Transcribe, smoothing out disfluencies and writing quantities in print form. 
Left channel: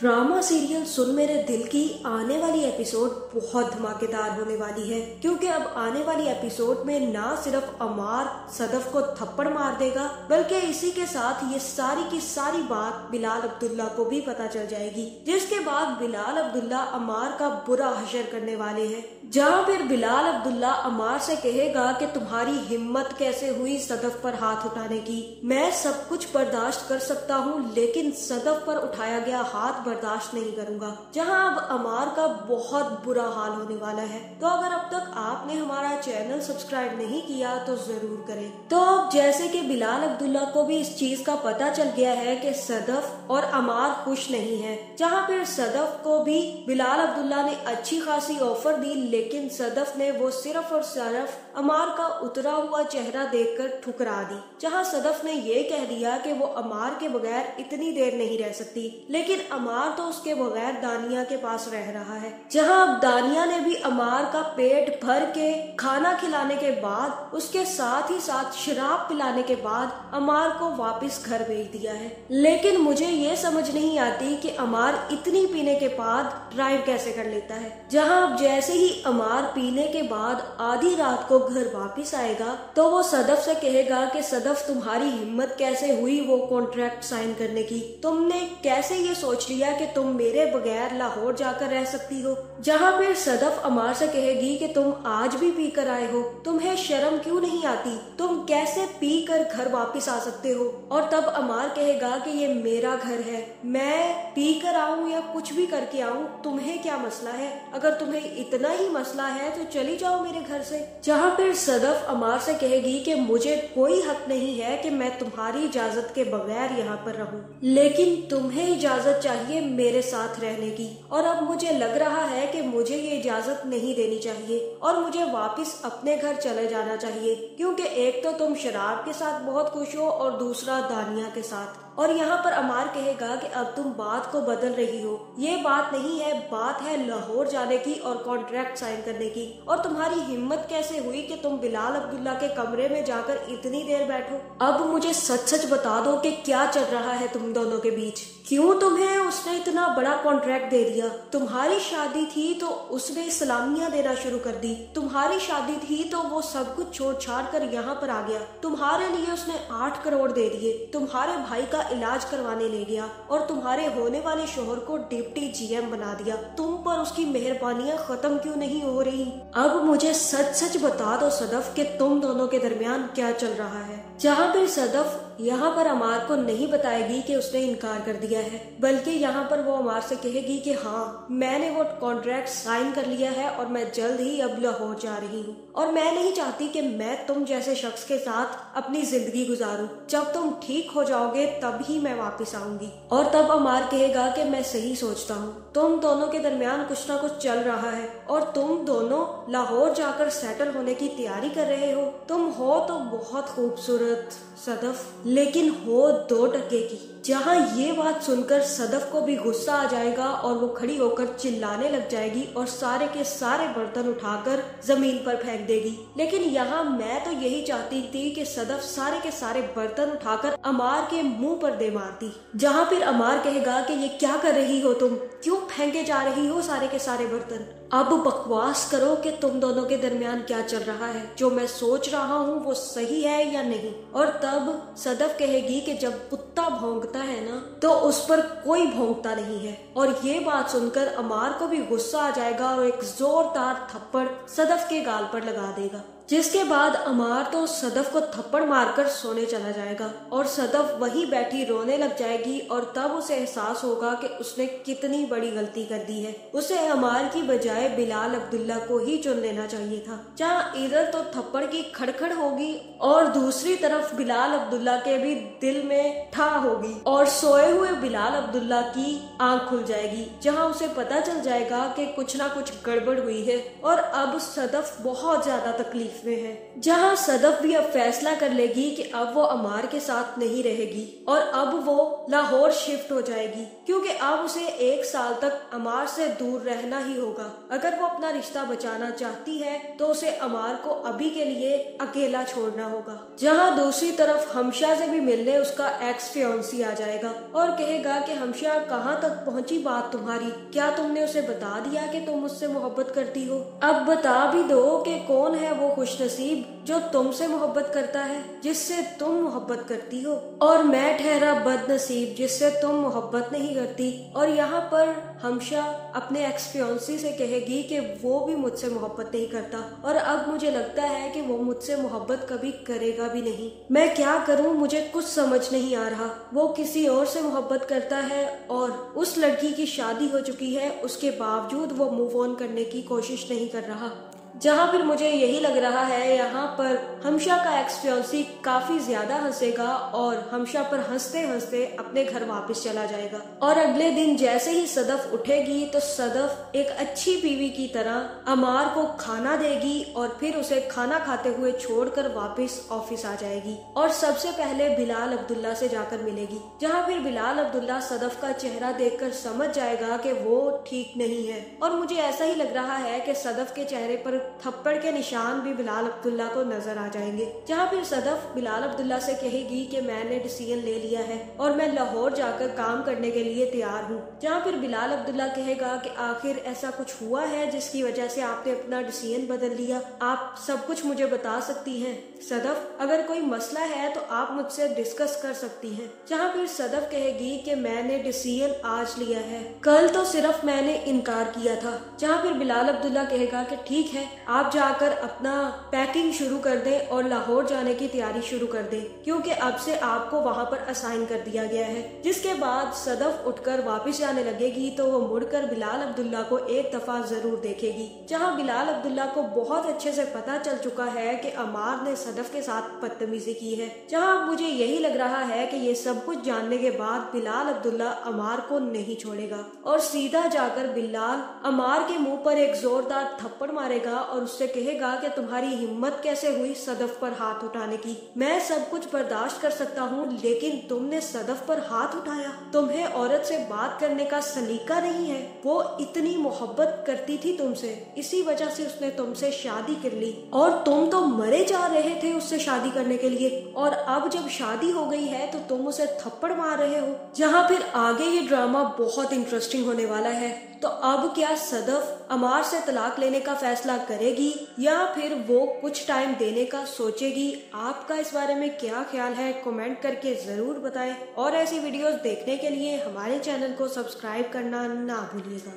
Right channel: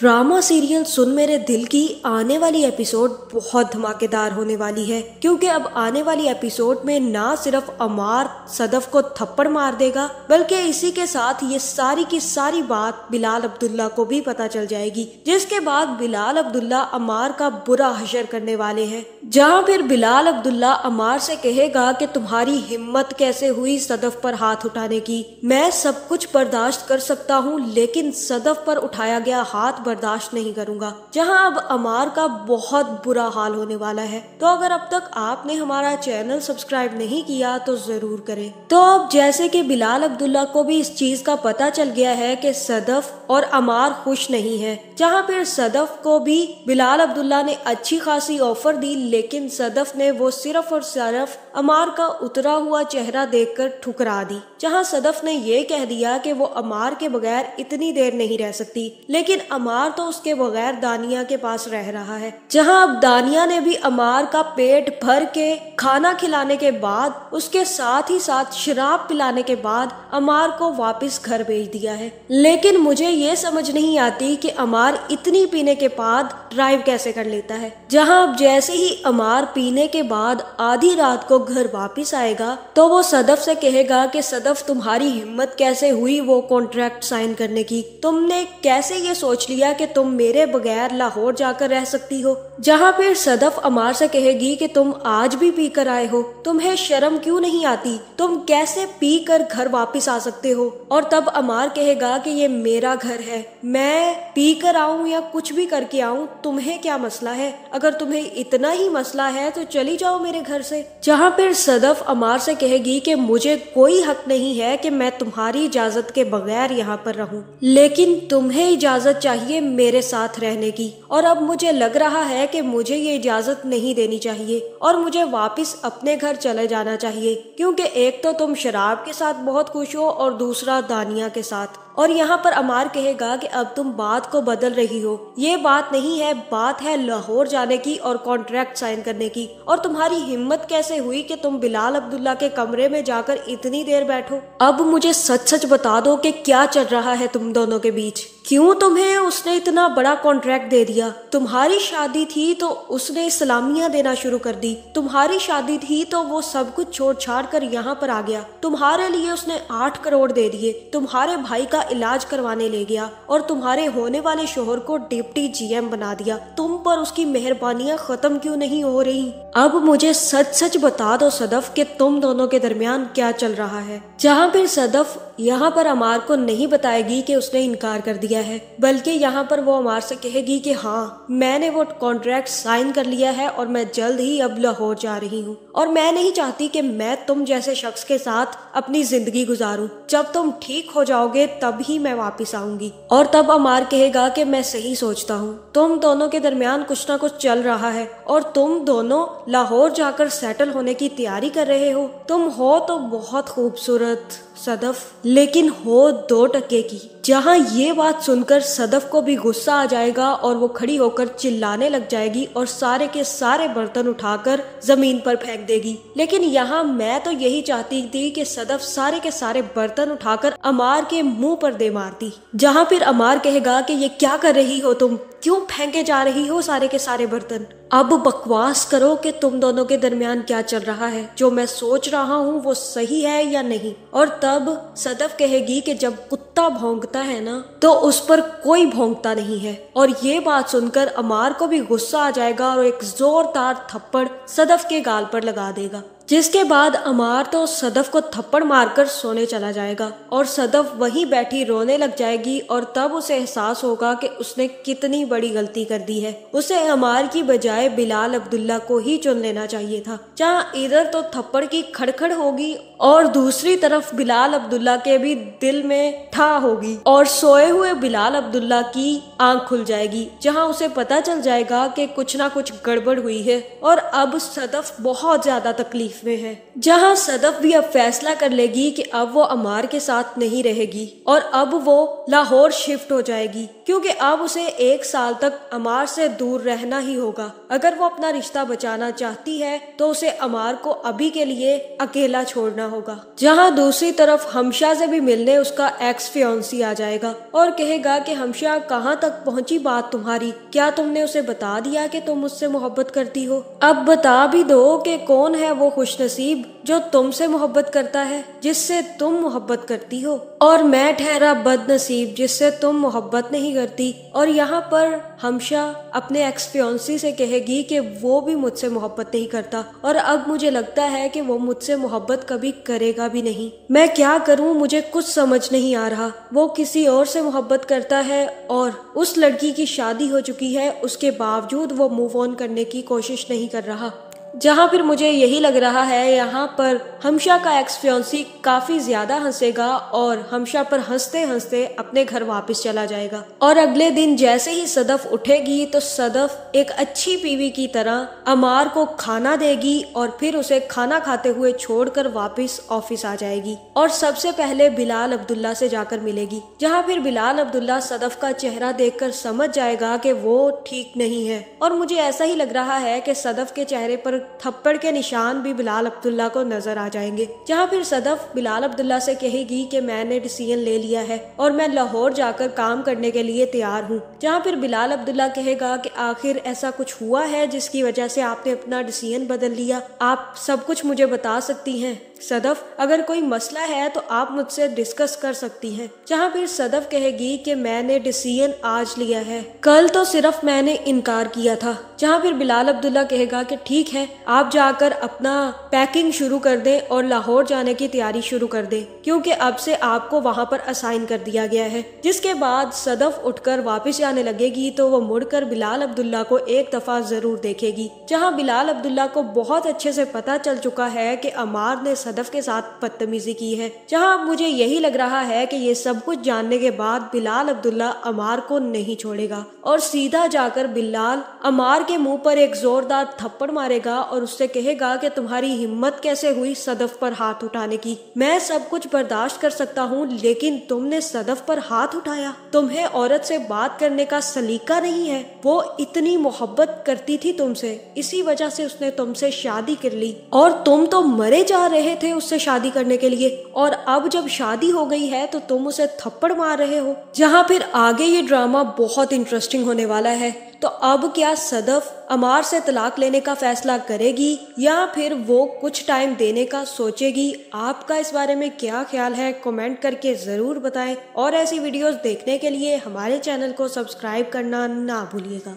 Drama serial सुन मेरे दिल की आने वाली एपिसोड बहुत धमाकेदार होने वाली है, क्योंकि अब आने वाली एपिसोड में ना सिर्फ अमार सदफ को थप्पड़ मार देगा, बल्कि इसी के साथ ये सारी की सारी बात बिलाल अब्दुल्ला को भी पता चल जाएगी, जिसके बाद बिलाल अब्दुल्ला अमार का बुरा हशर करने वाले हैं। जहां फिर बिलाल अब्दुल्ला अमार से कहेगा कि तुम्हारी हिम्मत कैसे हुई सदफ पर हाथ उठाने की। मैं सब कुछ बर्दाश्त कर सकता हूँ, लेकिन सदफ पर उठाया गया हाथ बर्दाश्त नहीं करूंगा। जहां अब अमार का बहुत बुरा हाल होने वाला है। तो अगर अब तक आपने हमारा चैनल सब्सक्राइब नहीं किया तो जरूर करें। तो अब जैसे कि बिलाल अब्दुल्ला को भी इस चीज का पता चल गया है कि सदफ और अमार खुश नहीं है, जहां फिर सदफ को भी बिलाल अब्दुल्ला ने अच्छी खासी ऑफर दी, लेकिन सदफ ने वो सिर्फ और सिर्फ अमार का उतरा हुआ चेहरा देखकर ठुकरा दी। जहां सदफ ने ये कह दिया कि वो अमार के बगैर इतनी देर नहीं रह सकती, लेकिन अमार तो उसके बगैर दानिया के पास रह रहा है। जहां अब दानिया ने भी अमार का पेट भर के खाना खिलाने के बाद, उसके साथ ही साथ शराब पिलाने के बाद अमार को वापस घर भेज दिया है। लेकिन मुझे ये समझ नहीं आती कि अमार इतनी पीने के बाद ड्राइव कैसे कर लेता है। जहां अब जैसे ही अमार पीने के बाद आधी रात को घर वापस आएगा तो वो सदफ से कहेगा कि सदफ तुम्हारी हिम्मत कैसे हुई वो कॉन्ट्रैक्ट साइन करने की। तुमने कैसे ये सोच लिया कि तुम मेरे बगैर लाहौर जाकर रह सकती हो। जहां फिर सदफ अमार से कहेगी कि तुम आज भी पी कर आए हो, तुम्हें शर्म क्यों नहीं आती, तुम कैसे पी कर घर वापस आ सकते हो। और तब अमार कहेगा कि ये मेरा घर है, मैं पी कर आऊं या कुछ भी करके आऊं, तुम्हें क्या मसला है। अगर तुम्हें इतना ही मसला है तो चली जाओ मेरे घर से। जहां फिर सदफ अमार से कहेगी कि मुझे कोई हक नहीं है कि मैं तुम्हारी इजाजत के बगैर यहाँ पर रहूं, लेकिन तुम्हें इजाजत चाहिए मेरे साथ रहने की। और अब मुझे लग रहा है कि मुझे ये इजाजत नहीं देनी चाहिए और मुझे वापस अपने घर चले जाना चाहिए, क्योंकि एक तो तुम शराब के साथ बहुत खुश हो और दूसरा दानिया के साथ। और यहाँ पर अमार कहेगा कि अब तुम बात को बदल रही हो, ये बात नहीं है, बात है लाहौर जाने की और कॉन्ट्रैक्ट साइन करने की। और तुम्हारी हिम्मत कैसे हुई कि तुम बिलाल अब्दुल्ला के कमरे में जाकर इतनी देर बैठो। अब मुझे सच सच बता दो कि क्या चल रहा है तुम दोनों के बीच, क्यों तुम्हें उसने इतना बड़ा कॉन्ट्रैक्ट दे दिया। तुम्हारी शादी थी तो उसने सलामियां देना शुरू कर दी, तुम्हारी शादी थी तो वो सब कुछ छोड़ छाड़ कर यहाँ पर आ गया। तुम्हारे लिए उसने 8 करोड़ दे दिए, तुम्हारे भाई का इलाज करवाने ले गया और तुम्हारे होने वाले शोहर को डिप्टी जीएम बना दिया। तुम पर उसकी मेहरबानियां खत्म क्यों नहीं हो रही। अब मुझे सच सच बता दो सदफ कि तुम दोनों के दरमियान क्या चल रहा है। जहाँ फिर सदफ यहाँ पर अमार को नहीं बताएगी कि उसने इनकार कर दिया है, बल्कि यहाँ पर वो अमार से कहेगी कि हाँ, मैंने वो कॉन्ट्रैक्ट साइन कर लिया है और मैं जल्द ही अब लाहौर जा रही हूँ। और मैं नहीं चाहती कि मैं तुम जैसे शख्स के साथ अपनी जिंदगी गुजारूं। जब तुम ठीक हो जाओगे तब ही मैं वापस आऊंगी। और तब अमार कहेगा कि मैं सही सोचता हूँ, तुम दोनों के दरमियान कुछ ना कुछ चल रहा है और तुम दोनों लाहौर जाकर सेटल होने की तैयारी कर रहे हो। तुम हो तो बहुत खूबसूरत सदफ, लेकिन हो 2 टके की। जहाँ ये बात सुनकर सदफ को भी गुस्सा आ जाएगा और वो खड़ी होकर चिल्लाने लग जाएगी और सारे के सारे बर्तन उठाकर जमीन पर फेंक देगी। लेकिन यहाँ मैं तो यही चाहती थी कि सदफ सारे के सारे बर्तन उठाकर अमार के मुंह पर दे मारती। जहाँ फिर अमार कहेगा कि ये क्या कर रही हो तुम, क्यों फेंके जा रही हो सारे के सारे बर्तन। अब बकवास करो कि तुम दोनों के दरमियान क्या चल रहा है, जो मैं सोच रहा हूँ वो सही है या नहीं। और तब सदफ कहेगी कि जब कुत्ता भौंकता है ना तो उस पर कोई भौंकता नहीं है। और ये बात सुनकर अमार को भी गुस्सा आ जाएगा और एक जोरदार थप्पड़ सदफ के गाल पर लगा देगा, जिसके बाद अमार तो सदफ को थप्पड़ मारकर सोने चला जाएगा और सदफ वहीं बैठी रोने लग जाएगी। और तब उसे एहसास होगा कि उसने कितनी बड़ी गलती कर दी है। उसे अमार की बजाय बिलाल अब्दुल्ला को ही चुन लेना चाहिए था। जहाँ इधर तो थप्पड़ की खड़खड़ होगी और दूसरी तरफ बिलाल अब्दुल्ला के भी दिल में ठा होगी और सोए हुए बिलाल अब्दुल्ला की आंख खुल जाएगी, जहाँ उसे पता चल जाएगा कि कुछ ना कुछ गड़बड़ हुई है और अब सदफ बहुत ज्यादा तकलीफ में है। जहां सदफ भी अब फैसला कर लेगी कि अब वो अमार के साथ नहीं रहेगी और अब वो लाहौर शिफ्ट हो जाएगी, क्योंकि अब उसे 1 साल तक अमार से दूर रहना ही होगा। अगर वो अपना रिश्ता बचाना चाहती है तो उसे अमार को अभी के लिए अकेला छोड़ना होगा। जहाँ दूसरी तरफ हमशा से भी मिलने उसका एक्स फियांसी आ जाएगा और कहेगा कि हमशा कहाँ तक पहुँची बात तुम्हारी, क्या तुमने उसे बता दिया कि तुम मुझसे मोहब्बत करती हो? अब बता भी दो कि कौन है वो खुशनसीब जो तुमसे मोहब्बत करता है, जिससे तुम मोहब्बत करती हो, और मैं ठहरा बदनसीब जिससे तुम मोहब्बत नहीं करती। और यहाँ पर हमशा अपने एक्स फियांसी से कहेगी कि वो भी मुझसे मोहब्बत नहीं करता और अब मुझे लगता है कि वो मुझसे मोहब्बत कभी करेगा भी नहीं। मैं क्या करूँ, मुझे कुछ समझ नहीं आ रहा। वो किसी और से मोहब्बत करता है और उस लड़की की शादी हो चुकी है, उसके बावजूद वो मूव ऑन करने की कोशिश नहीं कर रहा। जहाँ फिर मुझे यही लग रहा है यहाँ पर हमशा का एक्स फियांसी काफी ज्यादा हंसेगा और हमशा पर हंसते हंसते अपने घर वापस चला जाएगा। और अगले दिन जैसे ही सदफ उठेगी तो सदफ एक अच्छी बीवी की तरह अमार को खाना देगी और फिर उसे खाना खाते हुए छोड़कर वापस ऑफिस आ जाएगी और सबसे पहले बिलाल अब्दुल्ला से जाकर मिलेगी। जहाँ फिर बिलाल अब्दुल्ला सदफ का चेहरा देखकर समझ जाएगा कि वो ठीक नहीं है और मुझे ऐसा ही लग रहा है कि सदफ के चेहरे पर थप्पड़ के निशान भी बिलाल अब्दुल्ला को नजर आ जाएंगे। जहाँ फिर सदफ बिलाल अब्दुल्ला से कहेगी कि मैंने डिसीजन ले लिया है और मैं लाहौर जाकर काम करने के लिए तैयार हूँ। जहाँ फिर बिलाल अब्दुल्ला कहेगा कि आखिर ऐसा कुछ हुआ है जिसकी वजह से आपने अपना डिसीजन बदल लिया, आप सब कुछ मुझे बता सकती हैं सदफ, अगर कोई मसला है तो आप मुझसे डिस्कस कर सकती हैं। जहाँ फिर सदफ कहेगी कि मैंने डिसीजन आज लिया है, कल तो सिर्फ मैंने इनकार किया था। जहाँ फिर बिलाल अब्दुल्ला कहेगा कि ठीक है, आप जाकर अपना पैकिंग शुरू कर दें और लाहौर जाने की तैयारी शुरू कर दें क्योंकि अब से आपको वहाँ पर असाइन कर दिया गया है। जिसके बाद सदफ उठकर वापस जाने लगेगी तो वो मुड़कर बिलाल अब्दुल्ला को एक दफा जरूर देखेगी। जहाँ बिलाल अब्दुल्ला को बहुत अच्छे से पता चल चुका है कि अमार ने सदफ के साथ बदतमीजी की है। जहाँ अब मुझे यही लग रहा है कि ये सब कुछ जानने के बाद बिलाल अब्दुल्ला अमार को नहीं छोड़ेगा और सीधा जाकर बिलाल अमार के मुंह पर एक जोरदार थप्पड़ मारेगा और उससे कहेगा कि तुम्हारी हिम्मत कैसे हुई सदफ पर हाथ उठाने की। मैं सब कुछ बर्दाश्त कर सकता हूँ लेकिन तुमने सदफ पर हाथ उठाया। तुम्हें औरत से बात करने का सलीका नहीं है। वो इतनी मोहब्बत करती थी तुमसे, इसी वजह से उसने तुमसे शादी कर ली और तुम तो मरे जा रहे थे उससे शादी करने के लिए और अब जब शादी हो गई है तो तुम उसे थप्पड़ मार रहे हो। जहाँ फिर आगे ये ड्रामा बहुत इंटरेस्टिंग होने वाला है। तो अब क्या सदफ अमार से तलाक लेने का फैसला करेगी या फिर वो कुछ टाइम देने का सोचेगी? आपका इस बारे में क्या ख्याल है, कमेंट करके जरूर बताएं और ऐसी वीडियोस देखने के लिए हमारे चैनल को सब्सक्राइब करना ना भूलिएगा।